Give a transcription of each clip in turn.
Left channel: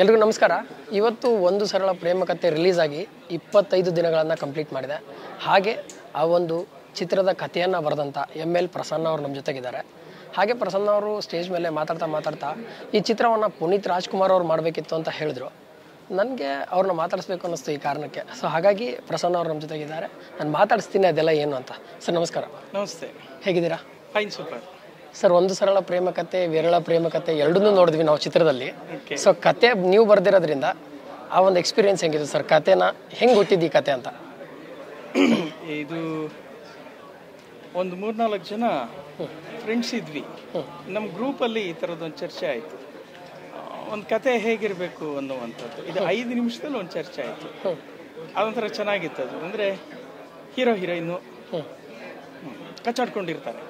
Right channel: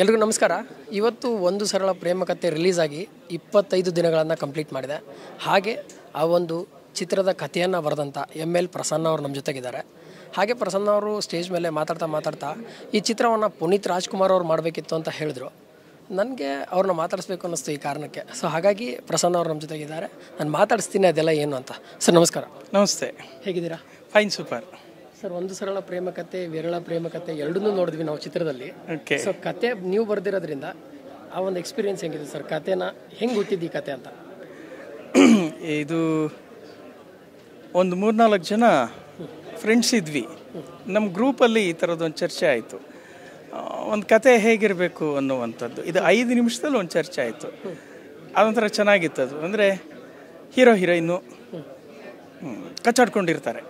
ಎಲ್ರಿಗೂ ನಮಸ್ಕಾರ. ಇವತ್ತು ಒಂದು ಸರಳ ಪ್ರೇಮ ಕಥೆ ರಿಲೀಸ್ ಆಗಿ 25 ದಿನಗಳನ್ನು ಕಂಪ್ಲೀಟ್ ಮಾಡಿದೆ. ಹಾಗೆ ಆ ಒಂದು ಚಿತ್ರದ ಕಥೆಯನ್ನು ಬರೆದಂಥ ML ಪ್ರಸನ್ನ ಅವರು ನಮ್ಮ ಜೊತೆಗಿದ್ದಾರೆ. ಹಾಗೆ ಪ್ರಸನ್ನ ಅವರು ಸ್ಟೇಜ್ ಮೇಲೆ ಮಾತಾಡ್ತಾ ಈ ಚಿತ್ರವನ್ನು ಪುನೀತ್ ರಾಜ್ಕುಮಾರ್ ಅವರು ಮಾಡಬೇಕಿತ್ತು ಅಂತ ಹೇಳಿದ್ರು. ನನಗೆ ಅವ್ರನ್ನ ಮಾತಾಡಿಸ್ಬೇಕು ಅನ್ನಿಸ್ತು ಈ ಕಾರಣಕ್ಕೆ. ಸೊ ಹಾಗಾಗಿ ಪ್ರಸನ್ನ ಅವರು ನಮ್ಮ ಜೊತೆಗಿದ್ದಾರೆ. ನಾನು ಮಾತಾಡಿಸ್ತೀನಿ ಅದೆಲ್ಲ ಏನು ಅಂತ. ಸರ್ ನಮಸ್ಕಾರ. ನಮಸ್ತೆ. ಹೇಗಿದ್ದೀರಾ? Fine, super. ಸರ್, ಒಂದು ಸರಳ ಪ್ರೇಮ ಕಥೆ, ವಿರಳ ಪ್ರೇಮ ಕಥೆ ಎರಡನ್ನೂ ನೋಡಿದ್ವಿ ನಾವು ಚಿತ್ರದಲ್ಲಿ. ಸೊ ಕತೆ ನೀವು ಬರ್ದಿರೋದ್ರಿಂದ ಆ ಒಂದು ಎಕ್ಸ್ಪೀರಿಯನ್ಸ್ ಹೆಂಗಿದೆ ಸರ್? ಕತೆನ ಹೆಂಗೆ ಗೊತ್ತಿದ್ದು ಈ ಕತೆ ಅಂತ? ಇದು ಒಂದು 3-4 ಜನ ಫ್ರೆಂಡ್ಸ್ ಇದ್ವಿ. ನಮ್ಮ ಗ್ರೂಪಲ್ಲಿ ಈ ಥರದ್ದೊಂದು ಚರ್ಚೆ ಆಯಿತು. ಒಂದು ಕತೆ ಹೇಗಿರಬೇಕು ಅನ್ನುವಂಥದ್ದು. ಇದು 5 ನಿಮಿಷದಲ್ಲಿ ಒಂದು ಚರ್ಚೆ ಆಯಿತು. ಅದೊಂಥರ ಚೆನ್ನಾಗಿತ್ತು. ಅದು ಅಂದರೆ ಹೀರೋ ಹೀರೋಯಿನ್ನು ಕಚ್ಚಾಡ್ಕೊಂಡಿರ್ತಾರೆ.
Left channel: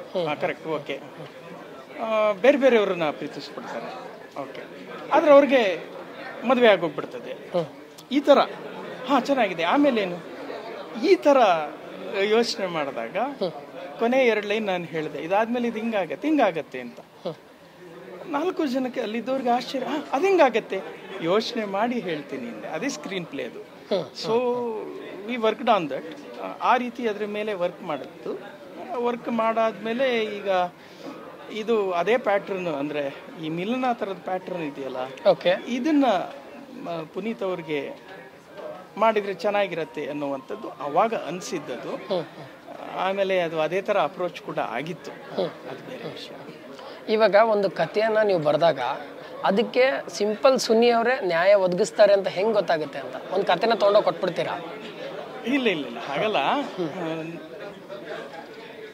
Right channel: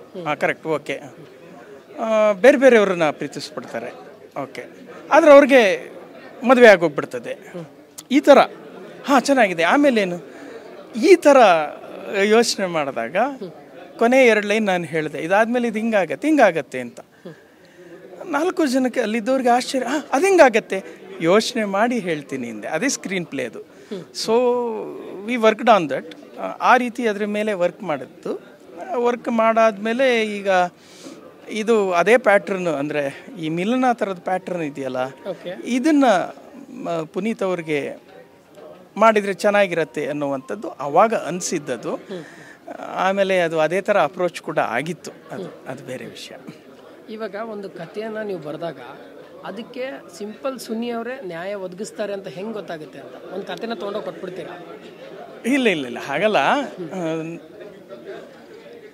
Correct, okay. ಬೇರೆ ಬೇರೆಯವ್ರನ್ನ ಪ್ರೀತಿಸ್ಬಿಡ್ತಾರೆ, ಓಕೆ. ಆದರೆ ಅವ್ರಿಗೆ ಮದುವೆ ಆಗೋಗ್ಬಿಡ್ತದೆ. ಈ ಥರ ಚೆನ್ನಾಗಿದೆ. ಆಮೇಲೇನು ಈ ಥರ ಯೋಚನೆ ಮಾಡಿದಾಗ ಕೊನೆ 2 ಲೈನ್ ನಾನು ಹೇಳಿದೆ, ಇದಾದ್ಮೇಲೆ ಇದು ಹಿಂಗಾಗತ್ತೆ ಅಂತ. 4 ಜನಕ್ಕೆ ಅಲ್ಲಿದ್ದವ್ರಿಗೆ ಆಶ್ಚರ್ಯ, ಅದು ಹಿಂಗಾಗತ್ತೆ, ಯೋಚನೆ ಮಾಡಿ ಹೇಳ್ತೀನಿ ಅಂದೆ. ಅದೇ ಸ್ಕ್ರೀನ್ ಪ್ಲೇ ಅದು. So we worked on that. ಆ ರೀತಿ ಅದ್ರ ಮೇಲೆ ವರ್ಕ್ ಮಾಡಿತ್ತು. ವರ್ಕ್ ಮಾಡಾದ್ಮೇಲೆ ಈಗ ಇದು ಅದೇ ಪ್ಯಾಟ್ರನ್, ಅಂದರೆ ಈ ಮಿಲನ ಥರದ ಪ್ಯಾಟ್ರನ್ ಇದೆಯಲ್ಲ, ಇದನ್ನ ಪುನೀತ್ ಅವ್ರಿಗೆ ಮಾಡಿದರೆ ಚೆನ್ನಾಗಿರತ್ತೆ ಅನ್ನುವಂಥದ್ದು ಅವಾಗ ಅನಿಸಿದ್ದದು. ಆಮೇಲೆ ಅದು ಅದೇ ಥರ ಅಪ್ರೋಚ್ ಕೂಡ ಆಗಿತ್ತು. ಅದು ಬೇರೆ ವಿಷಯ. ಇವಾಗ ಒಂದು ಕಥೆಯನ್ನು ನೀವು ಬರೆದಾಗ ಅದಕ್ಕೆ ಸಿಂಪಲ್ ಸುನ್ನಿ ಅವರೇ ನ್ಯಾಯ ಒದಗಿಸ್ತಾರೆ ಅಂತ ಹೆಂಗೆ ಗೊತ್ತಾಗುತ್ತೆ ಅಂತ? ಒಂದು ಕಥೆನ ತೊಗೊಂಡೋಗಿ ಕೊಟ್ಬಿಡ್ತೀರಾ? ಇಲ್ಲ, ಹಾಗಲ್ಲ.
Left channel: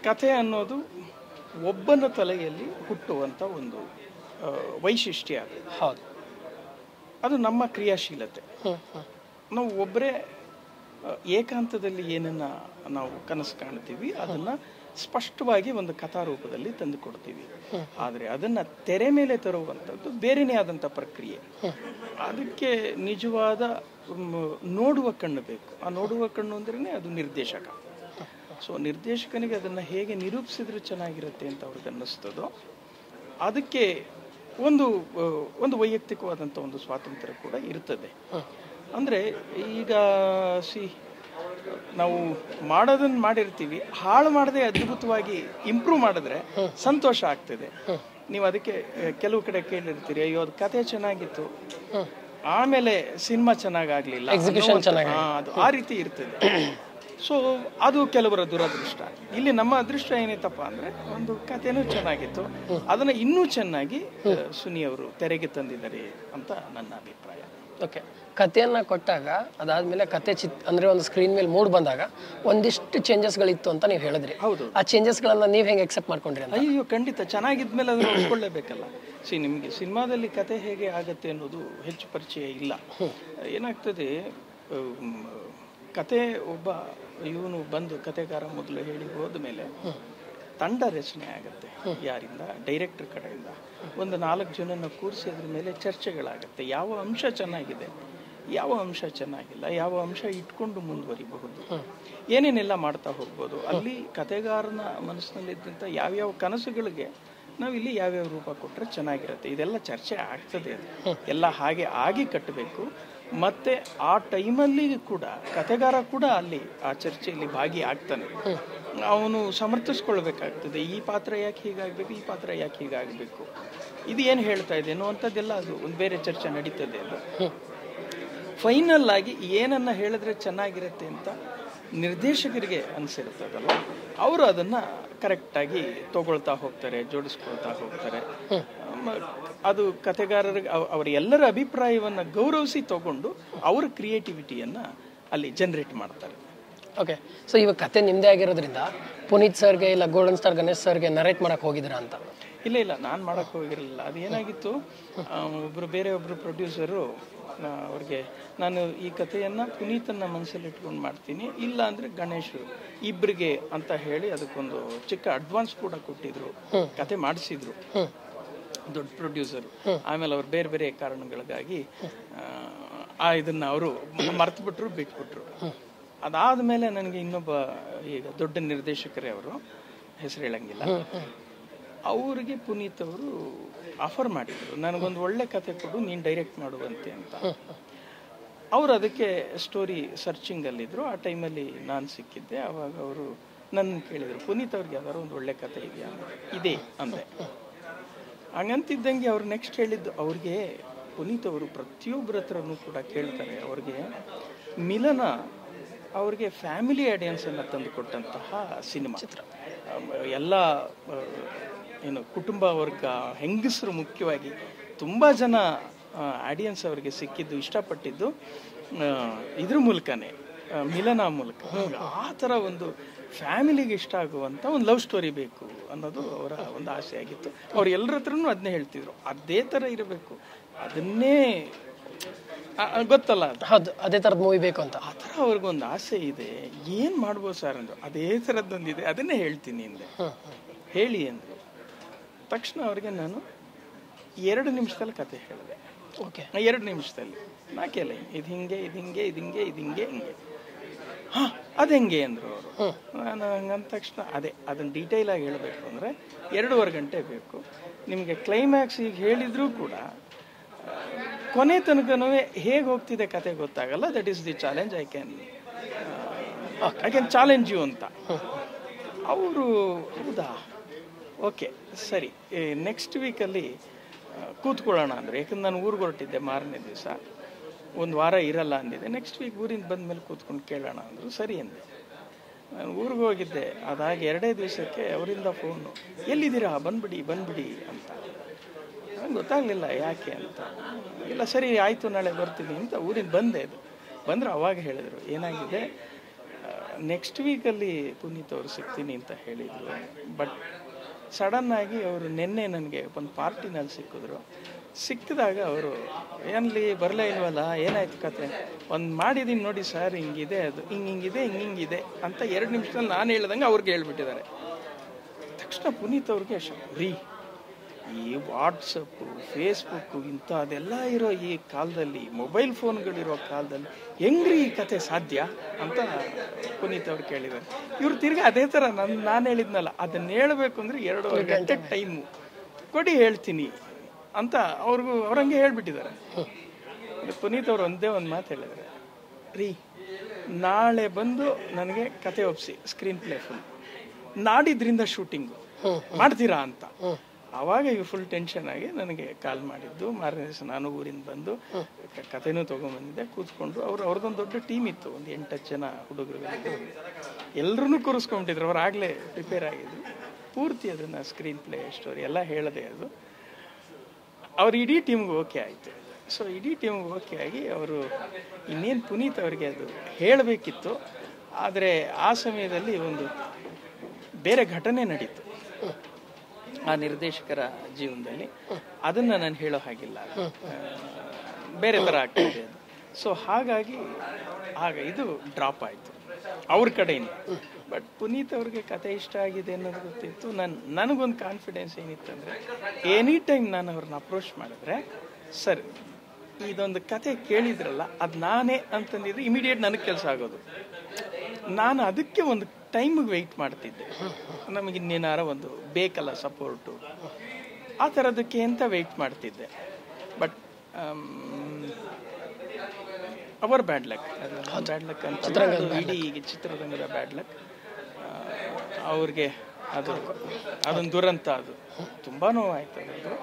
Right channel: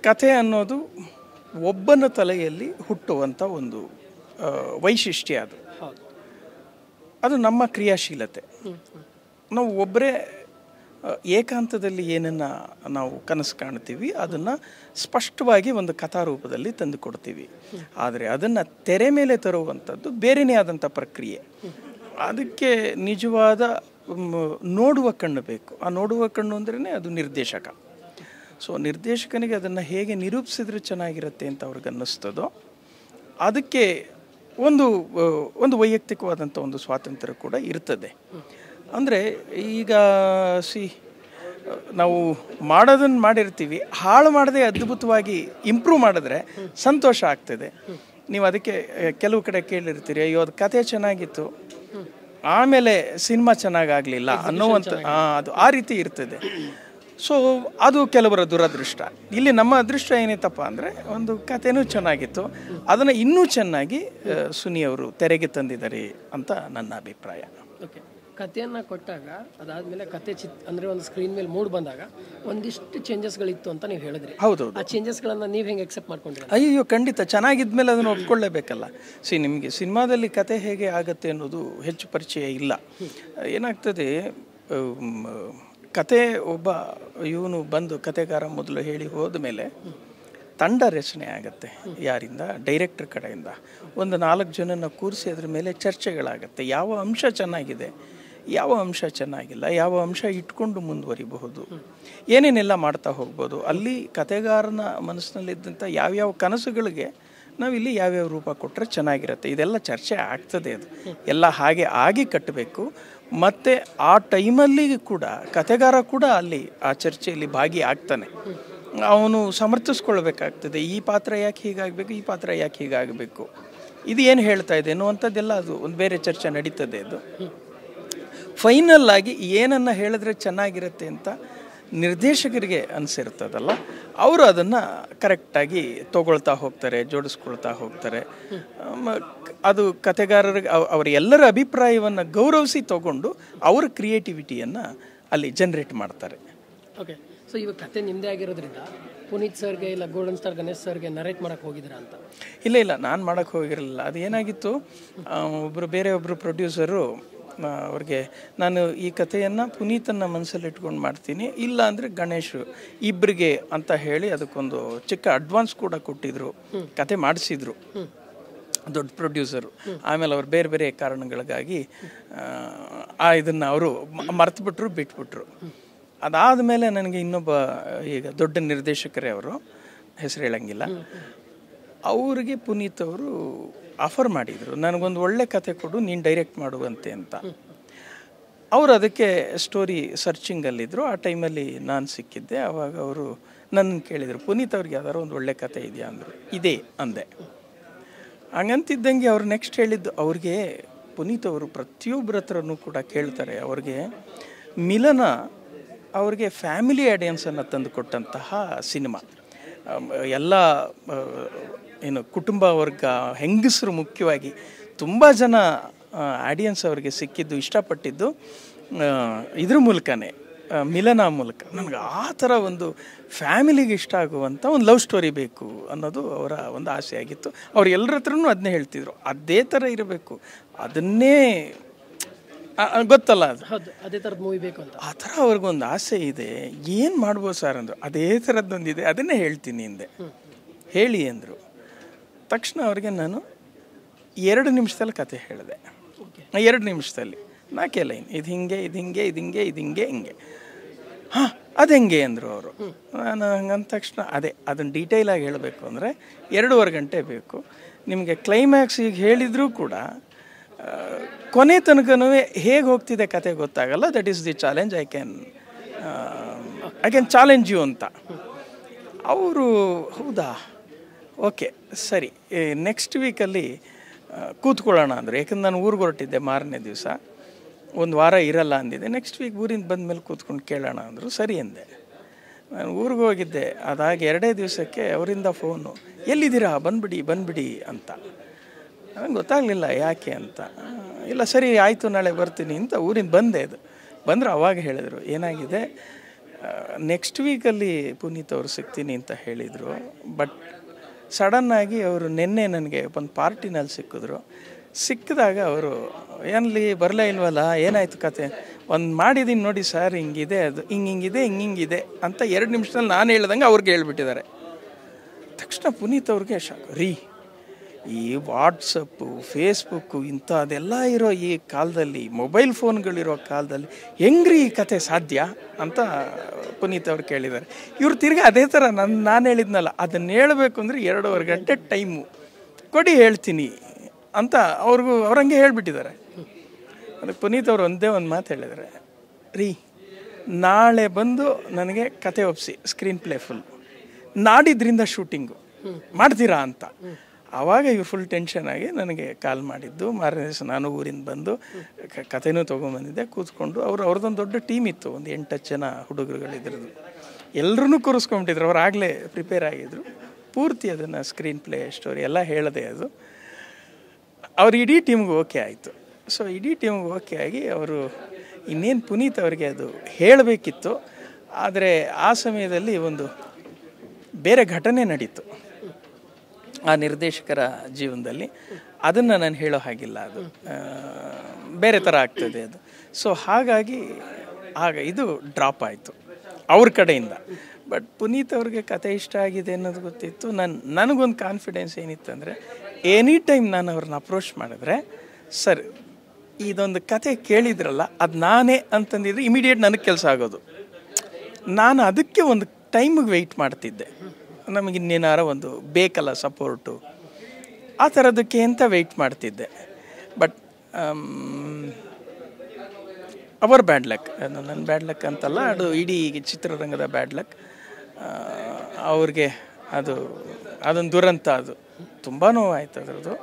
ಕಥೆ ಅನ್ನೋದು ಒಬ್ಬನ ತಲೆಯಲ್ಲಿ ಹುಟ್ಟುವಂಥ ಒಂದು ವೈಶಿಷ್ಟ್ಯ. ಅದು ಹೌದು, ಅದು ನಮ್ಮ ಕ್ರಿಯಾಶೀಲತೆ. ನಾವು ಒಬ್ಬರೇ ಏಕಾಂತದಲ್ಲಿ ಏನನ್ನು ನಾವು ಕನಸು ಕಾಣ್ತೀವಿ ಅದನ್ನು ಸ್ಪಷ್ಟವಾಗಿ ಒಂದು ಕಥಾರೂಪದಲ್ಲಿ ತಂದು ಕೊಡ್ತೀವಿ. ಆದರೆ ಅದನ್ನು ತೆರೆ ಮೇಲೆ ತರುವಂಥದ್ದು ಬೇರೆಯೇ ಆದಂಥ ಪ್ರಕ್ರಿಯೆ. ಅದಕ್ಕೆ ನಿಜವಾದ ನೋಡುವ ಕಣ್ಣು ಬೇಕು. ಆ ನೋಡುವ ಕಣ್ಣು ಅಂದ್ರೇ ಅದು ನಿರ್ದೇಶಕ. ಸೊ ನಿರ್ದೇಶಕನಿಗೆ ಅದನ್ನು ಹೇಗೆ ನಿರೂಪಿಸಿದ್ರೆ ಚೆನ್ನಾಗಿರುತ್ತೆ ಅಂತ ಅವ್ರಿಗೆ ಅನ್ನಿಸ್ತದೋ ಅದಕ್ಕೆ ಒಂದು ವೈಯಕ್ತಿಕವಾದಂಥ ಒಂದು ಸ್ವಾತಂತ್ರ್ಯ ಕೂಡ ಇರ್ತದೆ. ಅಂದರೆ ಈಗ ನಾವು ಮಾಡೋದನ್ನು ಮಾಡಿರ್ತೀವಿ, ಹಾಳು ಮಾಡದೆ ಅದ್ಭುತವಾಗಿ ಇಂಪ್ರೂವ್ ಮಾಡಿದ್ರೆ ಸಂತೋಷ ಆಗ್ತದೆ. ನೀವು ಅದಕ್ಕೆ ಕೆಲವು ಕಡೆ ಕೇಳಿರ್ತೀರಿ, ಅಯ್ಯೋ ಅದು ಕತೆ ಚೆನ್ನಾಗಿತ್ತು ಆಮೇಲೆ ಸಿನಿಮಾ ಚೆನ್ನಾಗಾಗಲಿಲ್ಲ ಅದು ಆ ರೀತಿ ಇರ್ತದೆ. ಸೊ ಅದು ಕೆಲವರ ದುರದೃಷ್ಟ. ಇಲ್ಲಿ ನಮ್ಮ ಅದೃಷ್ಟ ಏನಿತ್ತಪ್ಪ ಅಂದರೆ ಒಂದು ಕಥೆನೂ ಚೆನ್ನಾಗಿತ್ತು, ಅದನ್ನು ಇನ್ನೂ ಚೆನ್ನಾಗಿ ಸುನಿ ಅವರು ತೆರೆಗೆ ತಂದಿದ್ದಾರೆ ಅಂತ ನನ್ನ ಅಭಿಪ್ರಾಯ. ಓಕೆ, ಕಥೆಯನ್ನು ಕೊಟ್ಟಾಗ ಅದಾದಮೇಲೆ ಕತೆ ಅಂದರೆ ಒಂದು ಸ್ಕ್ರೀನ್ ಮೇಲೆ ಮೂಡ್ ಬಂದಾಗ ಒಂದಿಷ್ಟು ಚೇಂಜಸ್ಗಳಿತ್ತು ಅಂತ ನೀವು ಹೇಳಿದ್ರಿ. ಹೌದು. ಆ ಚೇಂಜಸ್ಗಳನ್ನು ನೀವು ಹೆಂಗೆ ಎಕ್ಸೆಪ್ಟ್ ಮಾಡ್ಕೊಂಡ್ರಿ? ಅಯ್ಯೋ ಖಂಡಿತ, ಚೆನ್ನಾಗಿದ್ಮೇಲೆ ಅದನ್ನು ಒಪ್ಕೊಳ್ಳೇಬೇಕಲ್ಲ. ನಿಮಗೆ ಸಿನಿಮಾದಲ್ಲಿ ಕತೆ ಹೇಗೆ ಆಗುತ್ತೆ ಅನ್ನೋದು ಹೆಚ್ಚು ಪರಿಚಯ ಇಲ್ಲ. ಏನಾಗ್ತದೆ, ಕತೆ ಒಬ್ಬ ಇವನು ಬಂದು ಕತೆಗಾರ ಮೊದಲು ಹೇಳಿ ಹೋದ ಮೇಲೆ ತಂಡ ರಚನೆ ಆಗುತ್ತೆ. ಯಾರಿಂದ? ಡೈರೆಕ್ಟರ್ ಕಡೆಯಿಂದ ಒಂದು 4 ಜನನ ಕೂರಿಸಿ ಅದ್ರ ಮೇಲೆ ಚರ್ಚೆಗಳಾಗುತ್ತೆ. ಯಾವ ಅಂಶ ಚೆನ್ನಾಗಿದೆ, ಯಾವ ಅಂಶ ಚೆನ್ನಾಗಿಲ್ಲ, ಯಾವ ಅಂಶ ಇಟ್ಕೊಂಡು ಮುಂದುವರಿಬಹುದು, ಏನೇನೆಲ್ಲ ಮಾಡ್ತಾ ಹೋಗ್ಬೋದು, ಅಲ್ಲಿ ಕತೆಗಾರನ ಮನಸ್ಸಿನಲ್ಲಿದ್ದಂಥ ಯಾವ್ಯಾವ ಕನಸುಗಳಿಗೆ ನಾವಿಲ್ಲಿ ಯಾವ್ಯಾವ ರೂಪ ಕೊಟ್ಟರೆ ಚೆನ್ನಾಗಿರುತ್ತೆ, ಇದೆಲ್ಲ ಚರ್ಚೆ ಆಗ್ತದೆ. ಅದು ಎಲ್ಲ ಹಾಗೆ ಆಗಿ ಕಟ್ಟಬೇಕು. ಮತ್ತು ಆ ಟೈಮಲ್ಲಿ ಕೂಡ ಕತೆಗಾರ ಕೂಡ ಅಲ್ಲಿ ಆ ಚರ್ಚೆಯಲ್ಲಿ ಭಾಗಿಯಾಗ್ತಾನೆ. ಅವನು ಸಮರ್ಥಿಸ್ಕೊಳ್ಬೇಕಾಗ್ತದೆ. ಈ ಪಾತ್ರ ಯಾಕೆ ಹೀಗಾಗಬೇಕು, ಈ ಪಾತ್ರ ಯಾಕೆ ಹೀಗಾಗಬೇಕು, ಇದು ಏನು ಹೇಳ್ತಾ ಇದೆ ಅನ್ನುವಂಥದ್ದೆಲ್ಲ ಅದು ಒಂದು ಬೇರೆ ಚರ್ಚೆ ನಡೀತದೆ. ಅದು ಫೈನಲ್ ಆಗಿ ಏನನ್ನು ಹೇಳಿದ್ರೆ ಚೆನ್ನಾಗಿರುತ್ತೆ ಅಂತ ನಿರ್ದೇಶಕರಿಗೆ ಅನಿಸಿರ್ತದಲ್ಲ, ಅವರು ಅದನ್ನು ಕರೆಕ್ಟಾಗಿ ತಗೊಳ್ತಾ ಹೋಗ್ತಾರೆ, ಜೋಡಿಸ್ಕೊಳ್ತಾ ಹೋಗ್ತಾರೆ. ಅದು ಕತೆಗಾರರಿಗೆ ಅವರ ಎಲ್ಲರ ಅಭಿಪ್ರಾಯವನ್ನು ಗೌರವಿಸಿ ತಗೊಂಡು ಅವರ ಕ್ರಿಯೇಟಿವಿಟಿಯನ್ನು ಅಲ್ಲಿ ಜನ್ರೇಟ್ ಮಾಡ್ತಾರೆ. ಓಕೆ, ಸೊ ಇವಾಗ ಕತೆ ನಿಮ್ಮದೇ ಆಗಿರೋದ್ರಿಂದ ಪುನೀತ್ ಸರ್ಗೆ ಇಲ್ಲ ಗೋಲ್ಡನ್ ಸ್ಟಾರ್ ಗಣೇಶ್ ಸರ್ಗೆ ನರೇಟ್ ಮಾಡೋಕ್ಕೆ ಹೋಗಿದ್ದೀರಾ ಅಂತ? ಇಲ್ಲ, ನಾನು ಮಾಡೋಕ್ಕೆ ಹೋಗಿರಲಿಲ್ಲ. ಅದು ಏನಾಗಿತ್ತು, ಒಬ್ಬರು ಪ್ರೊಡ್ಯೂಸರು ಅವ್ರಿಗೆ ನಾನು ಈ ಕಥೆಯನ್ನು ಪುನೀತನ ಮನಸ್ಸಲ್ಲಿ ಇಟ್ಕೊಂಡು ಮಾಡ್ತೀನಿ, ಇಲ್ಲ ಅಂದರೆ ಗಣೇಶ್ ಇಬ್ಬರಿಗೆ ಅಂತ ಹೇಳಿ ಅದಕ್ಕೊಂದು ಚಿಕ್ಕ ಅಡ್ವಾನ್ಸ್ ಕೂಡ ಕೊಟ್ಟಿದ್ರು, ಕತೆ ಮಾಡಿಸಿದ್ರು ದೊಡ್ಡ ಪ್ರೊಡ್ಯೂಸರು. ಆಮೇಲೆ ಅವ್ರು ಬೇರೆ ಬೇರೆ ಕಾರಣಗಳಿಗಾಗಿ ಇದನ್ನು ಅವರು ಮರೆತುಬಿಟ್ರು, ಬಿಟ್ಬಿಟ್ರು. ಅದಾದಮೇಲೆ ನನಗೆ ಇನ್ನೊಬ್ಬ ಈಗ ದೊಡ್ಡ ನಿರ್ದೇಶಕರೇ, ಅವರು ಹೆಸರು ಹೇಳಂಗಿಲ್ಲ, ಅವರಿಗೆ ಪುನೀತ್ ಅವರು ಆಫರ್ ಮಾಡಿದರು, ನನಗೊಂದು ಒಳ್ಳೆ ಕತೆ ಕೊಡು, ನೀನು ಡೈರೆಕ್ಟ್ ಮಾಡುವಂತೆ ಅಂತ. ಅವರು ಅದಕ್ಕೆ ಸ್ಟೋರಿ ಸರ್ಚಿಂಗಲ್ಲಿದ್ದರು. ಆ ಟೈಮಲ್ಲಿ ನಾನು ಸಿಕ್ಕಿದ್ದೆ. ಆವಾಗ ಅವರು ನನ್ನನ್ನು ಕೇಳಿದರು, ಪುನೀತ್ ಅವ್ರಿಗೆ ಯಾವ್ದಾರು ಒಂದು ಒಳ್ಳೆ ಕತೆ ಇದೆಯಾ ಅಂದರು. ಇದೆ ಅಂದೆ. ಹಂಗಂತಿದ್ದಂಗೆ ಅವ್ರು ನೆಕ್ಸ್ಟ್ ಹೇಳಿದ್ದು, ಅವ್ರಿಗೆ ಪುನೀತ್ ಅವರು ಪ್ರತಿಯೊಬ್ಬರ ಹತ್ರನೂ ಕೂಡ ಕೇಳ್ತಾರೆ. ಅವ್ರಿಗೆ ಮಿಲನ ಅವ್ರಿಗೆ ಫ್ಯಾಮಿಲಿ ಆಡಿಯನ್ಸನ್ನು ತಂದು ಕೊಟ್ಟಂತಹ ಸಿನಿಮಾ. ಎಲ್ಲ ಏನು ಕುಟುಂಬ ವರ್ಗ, ಹೆಂಗಸರು ಮುಖ್ಯವಾಗಿ ತುಂಬ ಜನ ಆಡಿಯನ್ಸ್ ಅವ್ರಿಗೆ ಸಿಕ್ಕಿದ್ದು, ಇಷ್ಟಪಟ್ಟಿದ್ದು ಇದ್ರ ಮೂಲಕನೇ, ಮಿಲನ ಮೂಲಕ. ನಮ್ಗೆ ಆ ಥರ ಒಂದು ಫ್ಯಾಮಿಲಿಗೆ ಇಷ್ಟ ಆಗುವಂಥ ಒಂದು ಲವ್ ಸ್ಟೋರಿ ಬೇಕು ಅನ್ನೋದು ಅವರ ಒಂದು ಆಸೆ ಆಗಿತ್ತು. ಅವ್ರು ಎಲ್ಲರ ಹತ್ರನೂ ಅದನ್ನೇ ಹೇಳ್ತಿದ್ರು, ಅದೇ ಥರ ಇರಬೇಕು, ಅದನ್ನೇ ಗೊತ್ತಲ್ಲ ಅದು, ಹೌದು, ಅದೇ ಥರದ ಮೂವಿ ಬೇಕು ಅಂತ. ಆ ಥರ ಅವ್ರಿಗೊಂದು ಆಸೆ ಇದೆ. ಏನು ಮಾಡ್ಬೋದು ಸರ್ ಅಂದರು. ಅದೇ ಥರದ್ದೊಂದಿದೆ, ಅದನ್ನೇ ಹೇಳ್ತೀನಿ ಹಿಂದೆ, ಹೇಳಿ ಅಂದರು. ತಕ್ಷಣ ಅವ್ರಿಗೆ ನಾನು 2 ನಿಮಿಷದಲ್ಲಿ ಕತೆ ಹೇಳಿದೆ. ಓಕೆ, 2 ನಿಮಿಷದಲ್ಲಿ 4 ಲೈನ್, ಇದು ಹಿಂಗೆ, ಇದು ಹಿಂಗೆ, ಇದು ಹಿಂಗೆ, ಇದು ಹಿಂಗೆ, ಹಿಂಗೆ. ಹಾಂ, ಅದು ಹೆಂಗೆ ಅಂದರು ಅವರು. ನಾನು ಹಂಗಂದ ತಕ್ಷಣ ಅದನ್ನು ಡೀಟೇಲಾಗಿ ಹೇಳಬೇಕು ಅಂದರೆ 2.5 ಗಂಟೆ ಬೇಕು ನಿಮಗೆ. ಕ್ಲೈಮ್ಯಾಕ್ಸ್ ಈಗ ಹೇಳಿದರೂ ಕೂಡ ಕೊನೆ ತನಕನೂ ಹೇಗೆ ಹೋಗ್ತಿದೆ ಕತೆ ಗೊತ್ತಾಗಲ್ಲ. That is the challenge. I can challenge you ಅಂತ. ಅವರು ಹೌದಾ, ಓಕೆ ಸರಿ, ನೆಕ್ಸ್ಟ್ ವೀಕಲ್ಲಿ ಕೂತ್ಕೊಳ್ಳೋಣ ಅಂದರು. ಯಾಕಂದ್ರೆ ನಾನು ಊರಿಗೆ ಹೊರಟಿದ್ದೆ ಮಾರನೇ ದಿವಸ, 1 ವಾರ ಇರಲ್ಲ ಅಂದಿದ್ದೆ. ನೆಕ್ಸ್ಟ್ ವೀಕ್ ಊರಿಂದ ಬಂದ ಮೇಲೆ ಕೂತ್ಕೊಂಡು ಕೇಳೋಣ ಅಂದರು. ಸರಿ ಅಂದೆ. ನಾನು ಊರಿಗೆ ಹೋಗಿದ್ದೆ. ಅದಾಗಿ 2 ದಿವಸಕ್ಕೆ ಅವರಿಂದ ಫೋನು, ಎಲ್ಲಿದ್ದೀರಾ, ಬಂದ್ಬಿಡಿ ಅಂತ. ನನಗೆ ಗೊತ್ತಾಗಲಿಲ್ಲ ಯಾಕೆ ಅಂತ. ಇಲ್ಲ ಸರಿ ಆಯಿತು, ನಾಳೆ ಬರ್ತೀನಿ ಅಂತ ಊರಿಂದ ಬಂದರು. ಅವಾಗ ಹೇಳಿದರು, ಏನಾಗಿದೆ, ನೆಕ್ಸ್ಟ್ ವೀಕಲ್ಲಿ ಪುನೀತ್ ಅವರು ಸಿಗ್ತೀನಿ ಅಂತ ಹೇಳಿದರು. ಬಟ್ ಸಡನ್ನಾಗಿ ಅವರು ನಿನ್ನೆ ನನಗೆ ಒಂದು ಪಾರ್ಟಿನಲ್ಲಿ ಸಿಕ್ಕಿದಾಗ ಅವರು ಏನಲ್ಲಿ ಬರಲೇ ಇಲ್ವಲ್ಲ, ಏನಾಯ್ತು ಕತೆ, ಒಂದು ಮಾಡಿದ್ದೀನಿ ನೋಡಿ ಸರ್, ಹಿಂಗಿದೆ, ಅದು ಹಿಂಗಿದೆ ಅಂತ 2 ನಿಮಿಷದಲ್ಲಿ ನಾನು ಹೇಳ್ದಂಗೆ ಅವ್ರಿಗೆ ಹೇಳ್ಬಿಟ್ಟಿದ್ದಾರೆ. ತಕ್ಷಣ ಪುನೀತ್ ಅವ್ರಿಗೆ ರೀ, ಈ ವಾಟ್ಸಪ್ಪು, ಫೇಸ್ಬುಕ್ಕು ಇಂಥದ್ದೆಲ್ಲ ಇರೋ ಈ ಕಾಲದಲ್ಲಿ, ಮೊಬೈಲ್ ಫೋನ್ಗಳಿರೋ ಕಾಲದಲ್ಲಿ ಹೆಂಗ್ರಿ ಈ ಕತೆ ಸಾಧ್ಯ ಅಂತ ಪುನೀತ್ ಅವ್ರು ಕೇಳಿದ್ದಾರೆ. ಇವ್ರು ತಿರ್ಗಿ ಅದೇ ಥರ ನಾನು ಹೇಳಿದ್ನಲ್ಲ, ಅದನ್ನು ಹೇಳಬೇಕು ಅಂದರೆ 2.5 ಗಂಟೆ ಟೈಮು ಕೊಡಿ, ಹೇಳ್ತೀನಿ ಅಂತ ಅವ್ರಂಗೆ ಹೇಳ್ಬಿಟ್ಟಿದ್ದಾರೆ. ಅದಕ್ಕೆ ಪುನೀತ್ ಅವ್ರು ಒಂದೇ ಒಂದು ಮಾತು ಹೇಳಿದ್ದಾರೆ, ರೀ ನಾಳೆ ಬಂದು ನನಗೆ ಕತೆ ಒಪ್ಪಿಸಿ, ಸ್ಕ್ರೀನ್ ಪ್ಲೇ ಫುಲ್, ನಾಡಿದ್ರಿಂದ ಶೂಟಿಂಗು ಮಾಡ್ತೀರಾ ಅಂತ. ಆವಾಗ ಇವ್ರು ಫುಲ್ ಟೆನ್ಷನ್ ಆಗಿ ನನಗೆ ಕಾಲ್ ಮಾಡಿದ್ದು. ಮಾರನೇ ದಿವಸ ನಾನು ಊರಿಂದ ಬಂದು ಕತೆನೂ ತೊಗೊಂಬಂದಿದ್ದೆ. ಕೂತ್ಕೊಂಡು ಅವ್ರದ್ದೊಂದು ದೊಡ್ಡ ಟೀಮ್ ಇತ್ತು, ಒಂದು 8 ಜನ ಹುಡುಗರುಗಳಿದ್ರು. ಎಲ್ಲರೂ ಕೂರಿಸ್ಕೊಂಬಿಟ್ಟಿದ್ರು. ಅವ್ರು ಆಗಲೇ ಪ್ರಿಪೇರ್ ಆಗಿದ್ರು. ಪೂರ್ತಿ ಅದನ್ನು ಸ್ಕ್ರೀನ್ ಪ್ಲೇ ಸ್ಟೋರಿ ಎಲ್ಲ ಹೇಳಿದೆ. ಅದು ಅವ್ರ ಇಡೀ ಟೀಮ್ಗೆ ಓಕೆ ಆಯಿತು. ಸೊ ಇಡೀ ಟೀಮ್ಗೆ ಓಕೆ ಆಗಿ ಅವರು ಇನ್ನೇನು ಪುನೀತ್ ಅವರಿಗೆ ಅದು ಹೇಳಬೇಕಿತ್ತು. ಆದರೆ ಆ ಸಮಯದಲ್ಲಿ ಒಂದು ಬೇರೆ ಘಟನೆ ನಡೀತು ಆ ನಿರ್ದೇಶಕರ ಜೀವನದಲ್ಲಿ. ಅದನ್ನು ನಾನು ಹೇಳೋ ಹಾಗಿಲ್ಲ, ಅದು ಬೇರೆ ಥರ ಆಗ್ತದೆ ಅದು. ಸೊ ಹಾಗಾಗಿ ಇದು ಡ್ರಾಪ್ ಆಯಿತು ಅವ್ರ ಕಡೆಯಿಂದ. ಬಟ್ ಪುನೀತ್ ಅವ್ರಿಗೆ ಕತೆ ಇಷ್ಟ ಆಗಿದೆ ಅನ್ನೋದು ಗೊತ್ತಿತ್ತು. ನನಗೊಂದು ಕಾನ್ಫಿಡೆನ್ಸ್ ಏನಿತ್ತು ಅಂದರೆ, ಎನಿ ಟೈಮ್ ನಾನು ಅವ್ರನ್ನ ಅಪ್ರೋಚ್ ಮಾಡಿದ್ರೆ, ಸರ್ ಇದೊಂದು ಕತೆ ಕೇಳಿದ್ರಲ್ಲ ಅದು ನಾನೇ ಅಂತಂದಿದ್ರೆ ಇಮಿಡಿಯೇಟ್ ನನಗೆ ಕೆಲಸ ಆಗೋದು. ನಾನು ಅದಕ್ಕೆ ಒಂದು ಟೈಮಿಗೆ ವೆಯ್ಟ್ ಮಾಡ್ತಿದ್ದೆ. ನಮಗೆ ಇನ್ನೇನಾರ ಒಂದು ಬೇಕಲ್ಲ ಸಪೋರ್ಟು, ಆ ಥರದಕ್ಕೆ ಅಂತ ವೆಯ್ಟ್ ಮಾಡ್ತಿದ್ದೆ. But hour bad luck, bad luck ಅಂತಲ್ಲ, ಅದು ಇಡೀ ಚಿತ್ರರಂಗದ ಬ್ಯಾಡ್ ಲಕ್. ಅವ್ರಿಗೆ ಅದೊಂದು ದುರಂತ, ಅದು ತುಂಬ ನೋವಾಯಿತು ಅದರದ್ದು.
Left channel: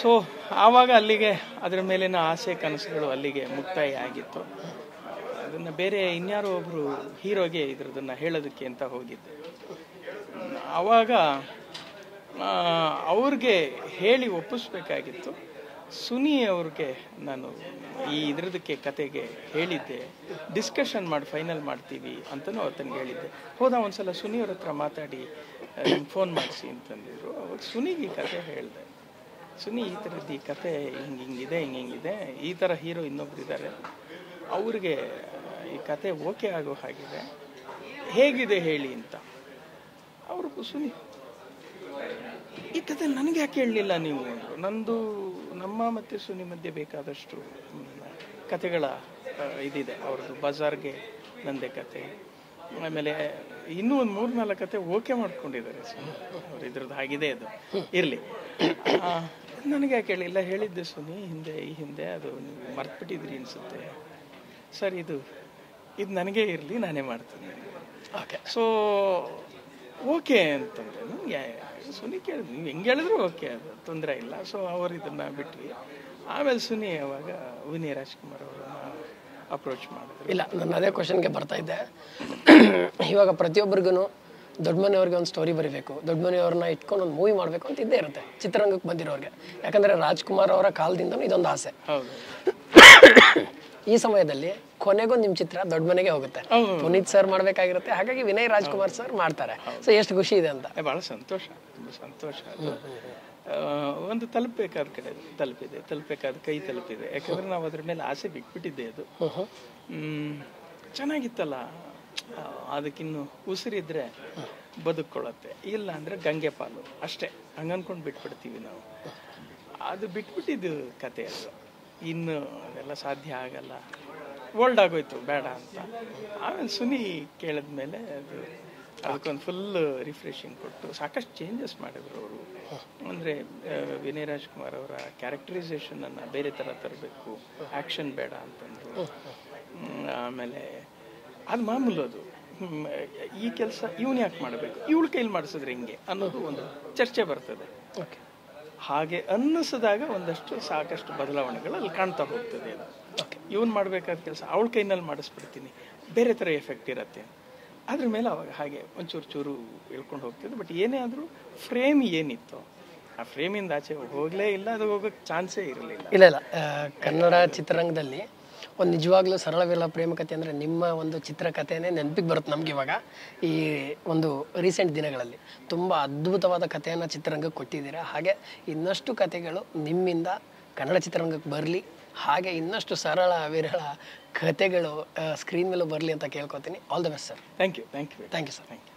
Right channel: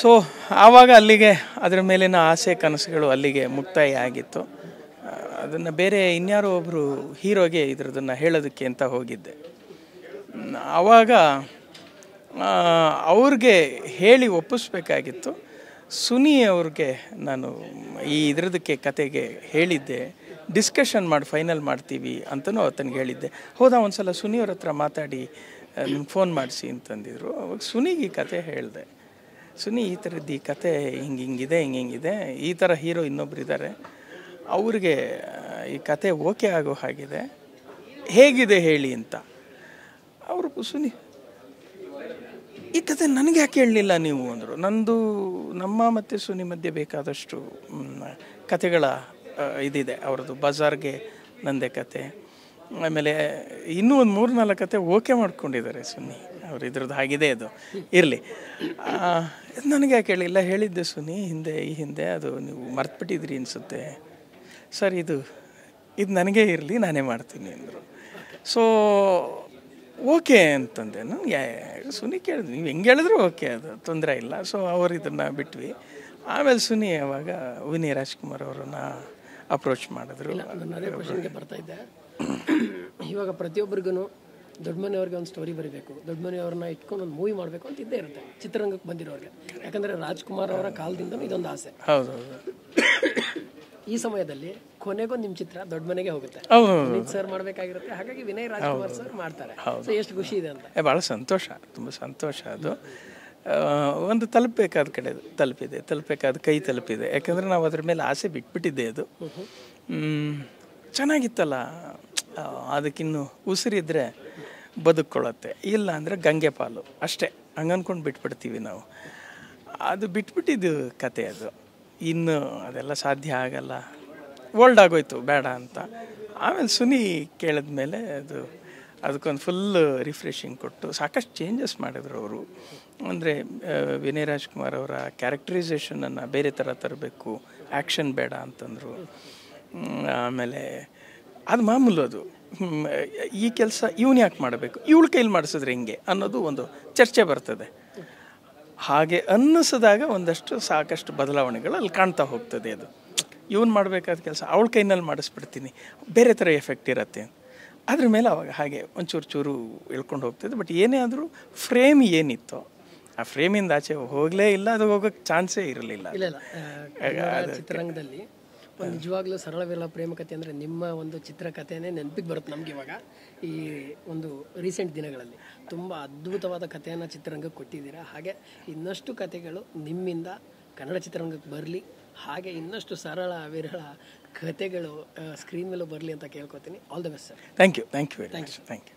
ಸೊ ಆವಾಗ ಅಲ್ಲಿಗೆ ಅದರ ಮೇಲಿನ ಆಸೆ ಕನಸುಗಳು ಅಲ್ಲಿಗೆ ಮುಕ್ತಾಯ ಆಗಿತ್ತು. ಅದನ್ನು ಬೇರೆ ಇನ್ಯಾರೋ ಒಬ್ಬರು ಹೀರೋಗೆ ಇದ್ರದನ್ನು ಹೇಳೋದಕ್ಕೆ ಅಂತ ಹೋಗಿದ್ದೆ. ಆವಾಗ ಅವ್ರಿಗೆ ಹೇಳಿ ಒಪ್ಪಿಸ್ಬೇಕಾಗಿತ್ತು. ಸುನಿ ಅವ್ರಿಗೆ ನಾನು ಇದರದಕ್ಕೆ ಕತೆಗೆ ಹೇಳಿದ್ದೆ, ಡಿಸ್ಕಷನ್ ಮಾಡಿ ಫೈನಲ್ ಮಾಡ್ತೀವಿ ಅಂತಲೂ ಆತನಿಗೆ ಹೇಳಿದ್ದೆ. ಹೌದಾ, ಒಂದು ಸಲ ಸುನಿಯವ್ರ ಹತ್ರ ಮಾತಾಡಿ ಫೋನ್ ಮಾಡಿಸಿ ಅಂತಂದಿದ್ರು. ಅವಾಗ ಸುನಿಗೆ ಈ ಕತೆ ಹೇಳಿದೆ. ಸುನಿ, ಈ ಥರದ್ದು ಈ ಕತೆ ಹಿಂಗಿದೆ, ಈ ಥರ ಹೀರೋ ಇನ್ನೊಬ್ರು ಇದ್ದಾರೆ, ಅವ್ರಿಗೆ ಈ ಕತೆ ಓಕೆ ಆಗೋ ಹಾಗಿದೆ, ಹೇಗಿದೆ ಹೇಳಿ ಅಂತ. ಅವರು ಸುನಿ, ಈ ಕತೆ ನನಗೆ ಯಾಕೆ ಹೇಳಲಿಲ್ಲ ನೀವು ಅಂದರು. ನಮ್ಮ ಮತ್ತು ಸುನಿ ಮಧ್ಯೆ ಬೇಕಾದಷ್ಟು ಕತೆಗಳ ಇದಿದೆ. ಅವ್ರದ್ದು ಬಜಾರ್ಗೆ ನಂದೇ ಕತೆ, ಆಮೇಲೆ ಇನ್ನೂ ಒಂದು 3-4 ಕತೆ ಓಕೆ ಮಾಡ್ಕೊಂಡಿದ್ದಾರೆ ಸುನಿ. ಅವ್ರ ಅವ್ರು ಇದ್ರದ್ದು ಆಗಿದೆ ಅದು ಇರಲಿ. ನನಗೆ ಯಾಕೆ ಹೇಳಿಲ್ಲ, ಹೇಳಿದ್ದೆ ಸುನಿ ಈ ಹಿಂದೆ ಅದು ನೀವು ಮರ್ತ್ಬಿಟ್ಟಿದ್ರಿ ಅನಿಸುತ್ತೆ ಸರ್, ಇದು ನನಗೇ ಇರಲಿ, ನಾನೇ ಮಾಡ್ತೀನಿ. ಸೊ ಓಕೆ ಅಂತಂದೆ. ನನಗೆ ಸುನಿ ಕೇಳಿದ್ವಿ, ನೀವು ಹೆಂಗೆ ಹೇಳಿದ್ರು ಓಕೆ, ಅದು ತೊಂದರೆ ಇಲ್ಲ. ಸೊ ಅವರು ಇದನ್ನು ಬಿಟ್ವಿ. ಆಮೇಲೆ ಸುನಿ ಅವಾಗ ವಿನಯ್ ರಾಜ್ಕುಮಾರ್ ಅವರನ್ನ ಅಪ್ರೋಚ್ ಮಾಡಿದ್ರು. ಇಲ್ಲ, ನಾನು ಅದೇ ಕ್ವಶನ್ಗೆ ಬರ್ತಾ ಇದ್ದೆ. ಇವಾಗ ಪ್ರತಿಯೊಬ್ಬರಿಗೂ ದೊಡ್ಡ ಮನೆಯವ್ರಿಗೆ ಒಂದು ಸ್ಟೋರಿ ಬರೀಬೇಕು, ದೊಡ್ಡ ಮನೆಯವ್ರನ್ನ ಇಟ್ಕೊಂಡು ಒಂದು ಮೂವಿ ಮಾಡಬೇಕು ಅಂತ ಇದ್ದೇ ಇರುತ್ತೆ ಚಿತ್ರರಂಗಕ್ಕೆ ಬಂದಿರೋರಿಗೆ. ಯಾಕಂದರೆ ರಾಜ್ಕುಮಾರ್ ಅವರ ಕಾಲದಿಂದ ಇದೊಂದು ಆಸೆ. ಹೌದು. ಈ ಸಮಯದಲ್ಲಿ ಕೊನೆಗೂ ನಿಮ್ಮ ಚಿತ್ರ ದೊಡ್ಡ ಮನೆಗೆ ಹೋಗುತ್ತೆ. ಪುನೀತ್ ಸರ್ ಮಾಡಬೇಕಾಗಿರುತ್ತೆ, ಹಾಗಾಗಿ ವಿನಯ್ ರಾಜ್ಕುಮಾರ್ ಸರ್ ಮಾಡ್ತಾರೆ. ಸೊ ಎಷ್ಟು ಖುಷಿ ಇದೆ ಅಂತ. ಭಾಳ ಸಂತೋಷ, ತುಂಬ ಸಂತೋಷ. ಅದು ಒಂದು ತಲುಪಬೇಕಾದ ಕಡೆ ತಲುಪಬೇಕಾದ ಕೈ ತಲುಪಿದೆ. ಯಾಕಂದರೆ ನಾವು ಅದ್ರ ಮೇಲೆ ಆಸೆ ಬಿಟ್ಬಿಟ್ಟಿದ್ದೆ. ಅದು ಚೆನ್ನಾಗಿತ್ತಲ್ಲ, ಅದಕ್ಕಿನ್ನು ಉಸಿರಿದ್ರೆ ಬದುಕೊಳ್ಳುತ್ತೆ, ಇಲ್ಲ ಅಂದರೆ ಗಂಗೆ ಪಾಲು ಅಷ್ಟೇ ಹಂಗನ್ಕೊಂಡು ಬಿಟ್ಬಿಡ್ತೀವಿ ನಾವು. ಅದು ಬಿಟ್ಬಿಟ್ಟಿದ್ದು ಕತೆ. ಅದು ಇನ್ನು ಅದೆಲ್ಲ ಸಾಧ್ಯ ಆಗಲ್ಲ, ಓಲ್ಡ್ ಆಗೋಯ್ತು, ಬೇಡ ಅಂತ. ಆಮೇಲೆ ಸುನಿ ಕೇಳಿದ್ಮೇಲೆ ಅದಕ್ಕೊಂದು ಫುಲ್ ರಿಫ್ರೆಶಿಂಗ್ ಕೊಟ್ಟು ಸಾಕಷ್ಟು ಚೇಂಜಸ್ ಮಾಡಿದ್ರು ಅವರು. ಅಂದರೆ ವಿನಯ್ ರಾಜ್ಕುಮಾರ್ ಅವರ ಕ್ಯಾರೆಕ್ಟರೈಸೇಷನನ್ನು ಬೇರೆ ಥರ ತರಬೇಕು, ಆ್ಯಕ್ಷನ್ ಬೇಡ ಅಂತಂದರು. ಆಮೇಲೆ ಅದು ಮಾಮೂಲು, ಅದು ಈ ಕೆಲಸ ಇವನು ಯಾಕೆ ಮಾಡಬೇಕು, ಇವಳ ಕೈಲಿ ಮಾಡಿಸಿದ್ರೆ ಹೆಂಗೆ ಅನ್ನೋದು ಒಂದು ಚರ್ಚೆ ಬರ್ತದೆ. ಹಾಗೆ ಅನ್ನಿಸಿದಾಗ ಸಾಕಷ್ಟು ಬದಲಾವಣೆಗಳು ಅಲ್ಲಿ ಕಾಣ್ತಾ ಹೋಗ್ತದೆ. ಅದು ಇವನು ಮಾಡಬೇಕಾದ ಕೆಲಸ ಅವಳ ಕೈನಲ್ಲಿ ಮಾಡಿಸ್ಬಿಡ್ತೀನಿ, ಬೇರೆ ಥರ ಎಫೆಕ್ಟ್ ಇರುತ್ತೆ ಅದ್ರ ಮೇಲೆ. ಅವಾಗ ಹಾಗೆ ಒಂಚೂರು ಇಳ್ಕೊಂಡು ಹೋಗ್ತದೆ. ಬಟ್ ಏನೇ ಆದರೂ ಫ್ರೇಮ್ ಏನಿತ್ತು ಆ ಫ್ರೇಮಿಂದ ಆಚೆ ಹೋಗಲೇ ಇಲ್ಲ, ಅದು ಹೋಗೋಕ್ಕೆ ಚಾನ್ಸೇ ಇರಲಿಲ್ಲ. ಇಲ್ಲ, ಕನ್ನಡ ಚಿತ್ರರಂಗದಲ್ಲಿ ಒಂದು ನಿಜವಾಗ್ಲೂ ಸರಳವಿಲ್ಲ ಪ್ರೇಮಕತೆ ಅಂದರೆ ನಿಮ್ಮ ಒಂದು ಚಿತ್ರಕಥೆನೇ ನೆನಪಿಗೆ ಬರುತ್ತೆ ನಮ್ಗೆ. ಇವಾಗ ಈ ಒಂದು ರೀಸೆಂಟ್ ದಿನಗಳಲ್ಲಿ ತುಂಬ ಅದ್ಭುತವಾದ ಕಥೆಯನ್ನು ಚಿತ್ರರಂಗಕ್ಕೆ ಕೊಟ್ಟಿದ್ದೀರಾ. ಹಾಗೆ ಇನ್ನಷ್ಟು ಕಥೆಗಳು ನಿಮ್ಮಿಂದ ಕನ್ನಡ ಚಿತ್ರರಂಗಕ್ಕೆ ಬರಲಿ, ಹಾಗೆ ಇನ್ನಷ್ಟು ಸರಳ ವಿರಳ ಕಥೆಗಳು ಸ್ಕ್ರೀನ್ ಮೇಲೂ ಬರಲಿ ಅಂತ ಕೇಳ್ಕೊತೀನಿ. All the best sir. Thank you. Thank you sir. Thank you.